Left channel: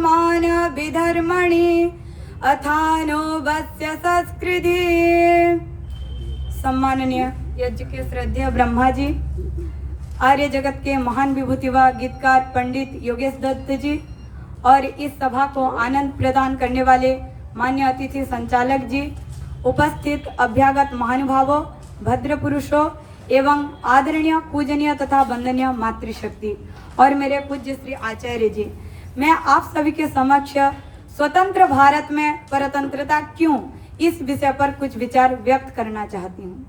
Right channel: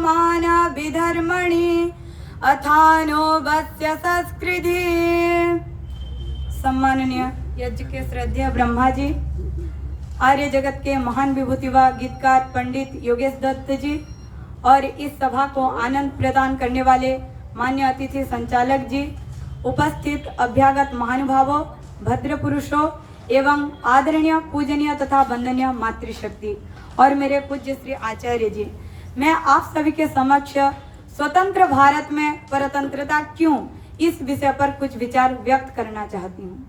मान विधर्मणि अथानो वस्य संस्कृति। सम्माननीय यज्ञ के श्रद्धेय ब्रह्मा जी, आर्य जगत के महान विभूतिवा गीतकार पंडित योगेश दत्त जी और इस सभा को आनंद प्रदान करने वाले मान्य अतिथि संचालक जी, उपस्थित अभ्यागत महानुभावों, भद्र पुरुषों एवं आदरणीय पूजनीय तथा वंदनीय मातृशक्ति और मेरे पूज्य श्री आचार्य जी, मैं आप सभी के समक्ष स्वतंत्र भारत में परतंत्रता क्यों इस विषय पर कुछ विचार व्यक्त करना चाहती हूँ।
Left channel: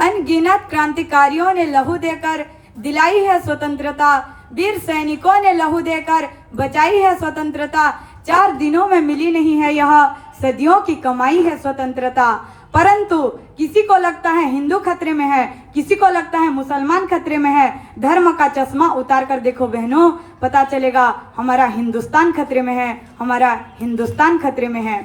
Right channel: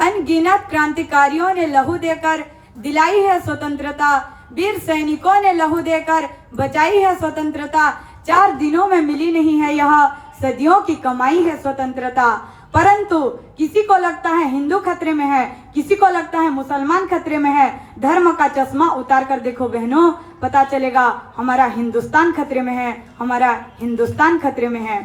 अनगिनत क्रांतिकारियों ने लहू देकर दिलाई है स्वतंत्रता, वीर सैनिकों ने लहू देकर बचाई है स्वतंत्रता। 4 दिनों में मिली नहीं है यह, सदियों की कमाई है स्वतंत्रता। परंतु किसी को लगता है हिंदू खतरे में है, किसी को लगता है मुसलमान खतरे में है। धर्म का चश्मा उतार कर देखो बहनों, पता चलेगा हमारा हिंदुस्तान खतरे में है, हमारा हिंदुस्तान खतरे में है।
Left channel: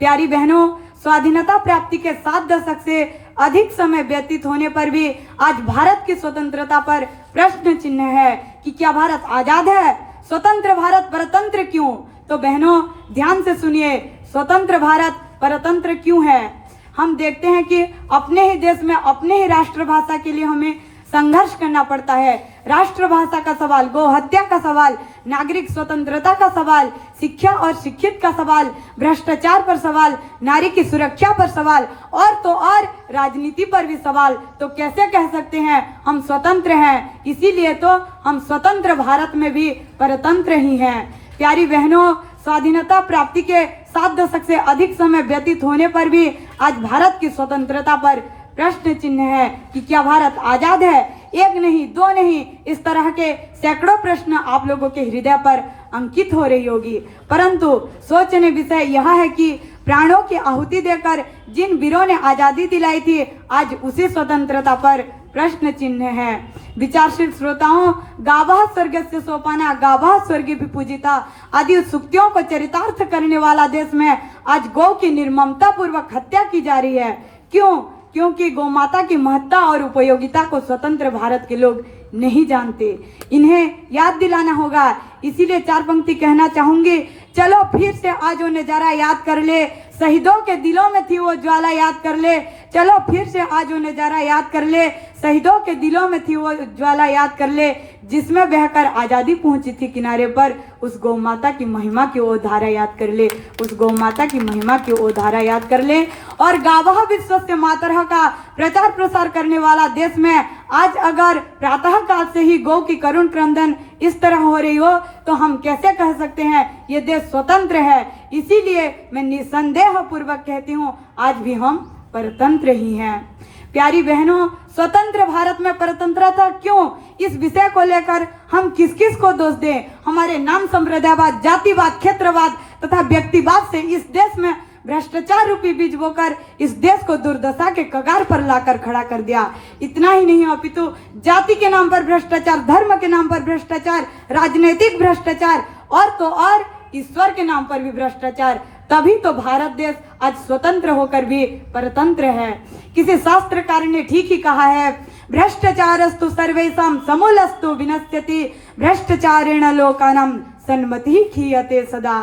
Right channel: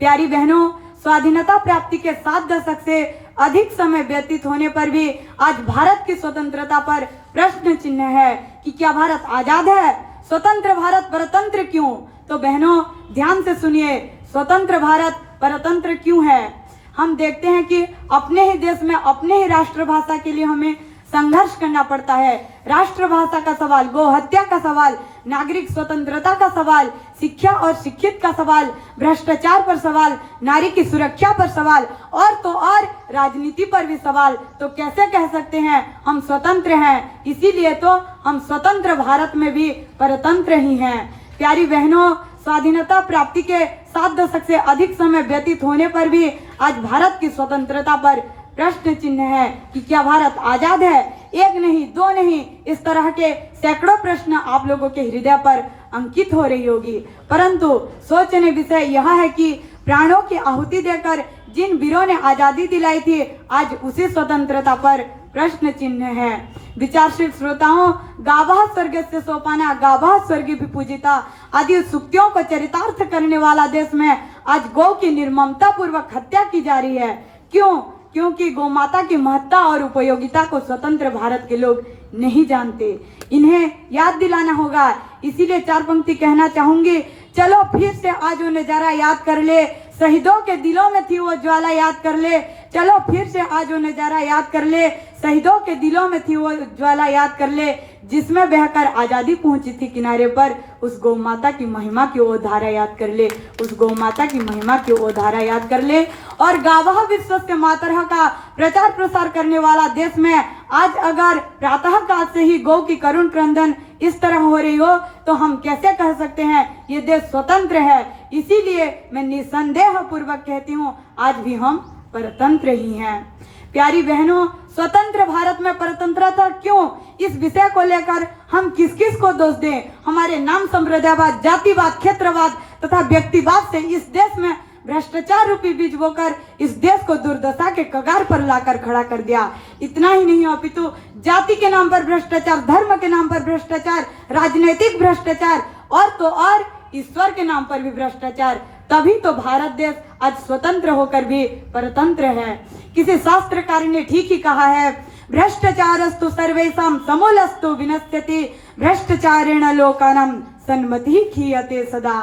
प्यारी बहनों, स्वाधीनता प्राप्ति के 7 दशक से अधिक समय व्यतीत होने पर भी आज भारत की स्वतंत्रता पर प्रश्न चिन्ह है कि क्या भारत आजाद है? स्वतंत्र भारत परतंत्र क्यों? तो बहनों ध्यान से सुनिए, स्वतंत्र भारत परतंत्र क्यों है? हम देखते हैं कि अपने ही देश में अपने ही राष्ट्रभाषा के लिए हमें संघर्ष करना पड़ता है। राष्ट्रभाषा का सवाल, गो हत्या का सवाल, नागरिक स्वतंत्रता का सवाल, शिक्षा और शिक्षित का सवाल, भ्रष्टाचार पर सवाल, नारी की सुरक्षा पर सवाल और तो और राजनीति पर भी सवाल। तो कैसे कह सकते हैं हम स्वतंत्र हैं? इसीलिए तो हम स्वतंत्र भारत में भी परतंत्र ही हैं। प्यारी बहनों, स्वाधीनता प्राप्ति के 7 दशक से अधिक समय व्यतीत होने पर भी आज भारत की स्वतंत्रता पर प्रश्न चिन्ह है कि क्या भारत आजाद है? एक नहीं, 2 नहीं, इस तरह के सैकड़ों प्रश्न आप लोगों के हृदय पर अंकित हो रही होगी। परंतु सोचने विषय यह है कि प्राणों की आहुति देकर जिन वीरों ने आजादी दिलाई थी, आज उसी स्वतंत्रता पर प्रश्न चिन्ह है। विचारशील श्रोताओं, गावः स्वर्गस्य सोपाना गावः स्वर्गी भी पूजिता आदि सूक्तियों को चरितार्थ करने वाला देश में आज गौ की निर्ममता पूर्वक हत्या की जा रही है। क्यों? क्योंकि गौ माता की महत्ता और उपयोगिता को स्वतंत्र भारत के लोग नहीं जानते, इन्हें याद दिलाना होगा। इसीलिए 4 पंक्ति कहना चाहूंगी। चलो फिर से आज वो नजारा याद कर ले, शहीदों के दिलों में थी वो ज्वाला याद कर ले। चलो फिर से आज वो नजारा याद कर ले, शहीदों के दिलों में थी वो ज्वाला याद कर ले, जिसमें बहकर आजादी पहुंची थी किनारे पर। उस गौ माता की महिमा की वो धारा याद कर ले, उस गौ माता की महिमा की वो धारा याद कर ले। और गावः विश्वस्य मातरः का प्रचार प्रसार करने वाला देश में आज अगर प्रातः काल से ही गौ की करुण क्रंदन इस तरह हो रही हो, तो हम कैसे कह सकते हैं ये देश स्वतंत्र है? इसीलिए मैं निसंदेह पूर्वक कहती हूँ आज भी हम परतंत्र ही हैं। प्यारी बहनों, स्वतंत्र भारत में परतंत्रता क्यों, इस विषय को लेकर हम किस किस को दोष दें? हमारे नाम संप्रदायवाद, जातिवाद, क्षेत्रवाद तथा व्यक्तिवाद से इस देश में भ्रष्टाचार रूपी बीज बोकर इस देश को दुर्दशा के कगार पर लाकर खड़ा कर दिया। इतना ही नहीं अपितु जाति के नाम पर भ्रष्टाचार, धर्म के नाम पर भ्रष्टाचार, राजनीतिक भ्रष्टाचार और तो और ईश्वर के नाम पर भी भ्रष्टाचार। तभी तो भारत देश आज स्वतंत्र होकर भी परतंत्र है। किसी शास्त्रकार ने ठीक ही कहा है, भ्रष्टाचारस्तु सर्वेषां समूलस्तु विनश्यति, भ्रष्टाचारेण लोकानां सन्मतिः क्षीयते सदा।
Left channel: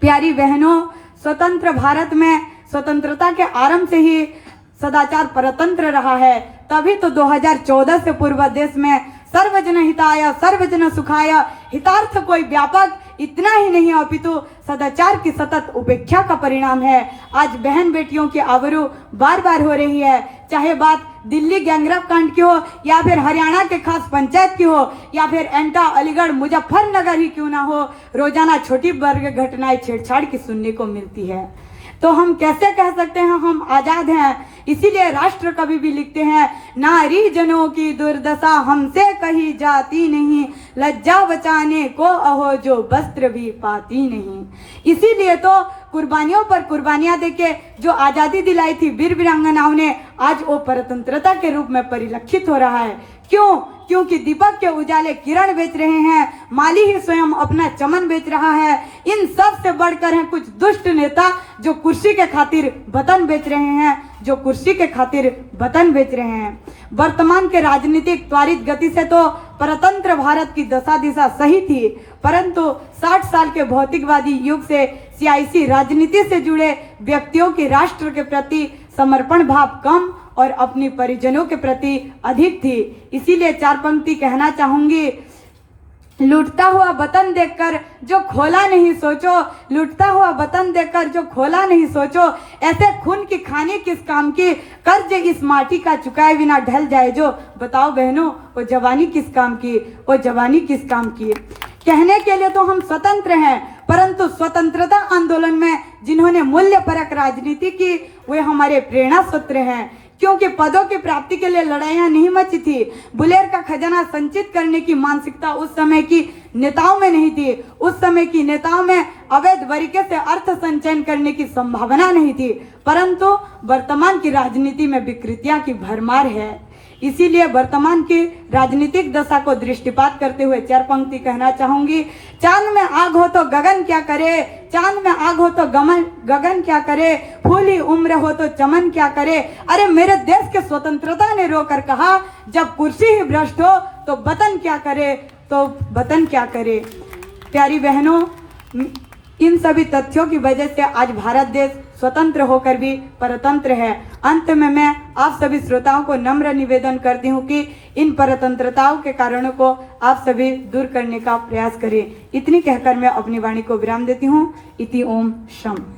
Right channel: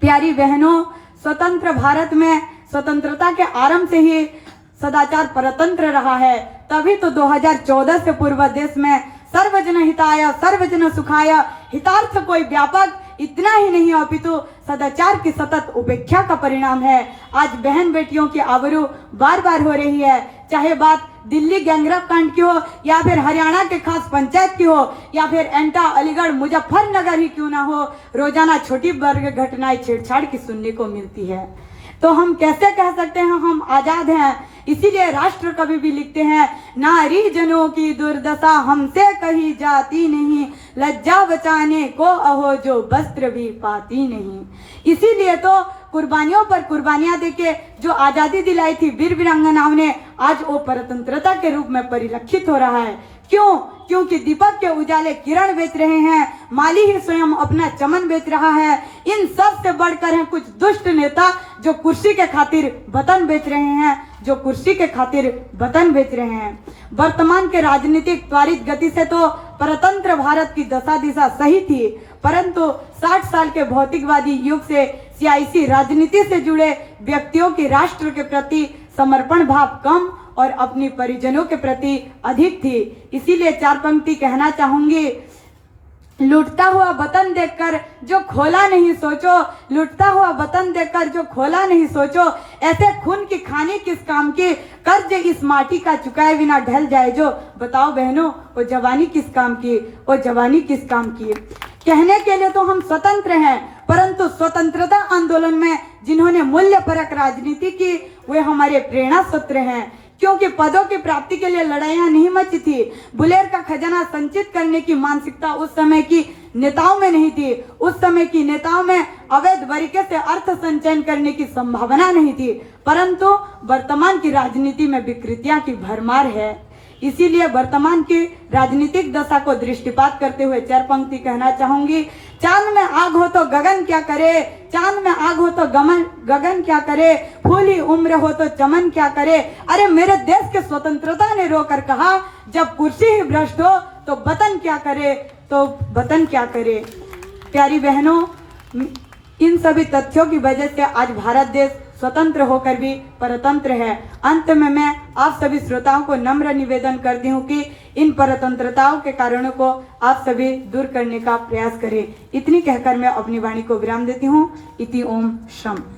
प्यारी बहनों, स्वतंत्र भारत में स्वतंत्रता के आरंभ से ही सदाचार परतंत्र रहा है। तभी तो 2014 से पूर्व देश में सर्वजन हिताय सर्वजन सुखाय हितार्थ कोई व्यापक इतना ही नहीं अपितु सदाचार की सतत उपेक्षा का परिणाम है। आज बहन बेटियों की आबरू बार बार हो रही है, चाहे बात दिल्ली गैंगरेप कांड की हो या फिर हरियाणा के खास पंचायत की हो या फिर एंटा, अलीगढ़, मुजफ्फरनगर ही क्यों ना हो, रोजाना छोटी वर्ग घटनाएं छेड़छाड़ की सुनने को मिलती है। तो हम कैसे कह सकते हैं हम आजाद हैं? इसीलिए राष्ट्र कवि भी लिखते हैं, नारी जनों की दुर्दशा हमसे कही जाती नहीं, लज्जा बचाने को अहो जो वस्त्र भी पाती नहीं। इसीलिए तो कुर्बानियों पर कुर्बानियां देके जो आजादी दिलाई थी वीर वीरांगनाओं ने, आज वो परतंत्रता के रूप में परिलक्षित हो रहा है। क्यों? क्योंकि दीपक के उजाले किरण बेच रहे हैं, माली ही स्वयं अपना चमन बेच रहा है। इन सब से बढ़कर हैं कुछ दुष्ट नेता जो कुर्सी के खातिर वतन बेच रहे हैं, जो कुर्सी के खातिर वतन बेच रहे हैं। वर्तमान के राजनीतिक त्वरित गति से तो परतंत्र भारत की दशा दिशा सही थी, परंतु 60 साल के भौतिकवादी युग से सियासी राजनीति से जुड़े व्यक्तियों की राष्ट्र के प्रति समर्पण भाव कम और अपनी परिजनों के प्रति अधिक थी। इसीलिए 4 पंक्ति कहना चाहूंगी। लूटता हुआ वतन देखकर जो खोला नहीं सोचो, लूटता हुआ वतन देखकर जो खोला नहीं सोचो, ऐसे खून की खानी किस काम की, कर्ज इस माटी का चुकाए बिना ढल जाए जो। बताओ बहनों, वो जवानी किस काम की, वो जवानी किस काम की। कहने के लिए तो हम स्वतंत्र हैं, परंतु स्वतंत्रता आंदोलन में जिन्होंने मूल्य परक राजनीति की वे हमारे प्रेरणा सूत्र हैं, क्योंकि पदों की प्राप्ति के लिए लड़ाइयां नहीं मची थी। बुलेर का खजाना संचित करने की मानसिकता उस समय की नेताओं में नहीं थी। उस समय की नेताओं में अवैध तरीके से अर्थ संचयन करने की संभावना नहीं थी, परंतु वर्तमान की राजनीति में विकृतियां की भरमार है। इसीलिए वर्तमान की राजनीतिक दशा को दृष्टिपात करते हुए 4 पंक्ति कहना चाहूंगी। चांद में आग हो तो गगन क्या करे, चांद में आग हो तो गगन क्या करे, फूली उम्र हो तो चमन क्या करे। अरे मेरे देश के स्वतंत्रता ने रोकर कहा, जब कुर्सी ही भ्रष्ट हो तो वतन क्या करे, तो वतन क्या करे। प्यारी बहनों, इन सभी तथ्यों की वजह से आज भारत देश स्वतंत्र होकर भी परतंत्र है। अंत में मैं आप सभी श्रोताओं को नम्र निवेदन करती हूँ कि इन परतंत्रताओं के कारणों को आप सभी दूर करने का प्रयास करें। इतनी कहकर मैं अपनी वाणी को विराम देती हूँ। इति ओम शम।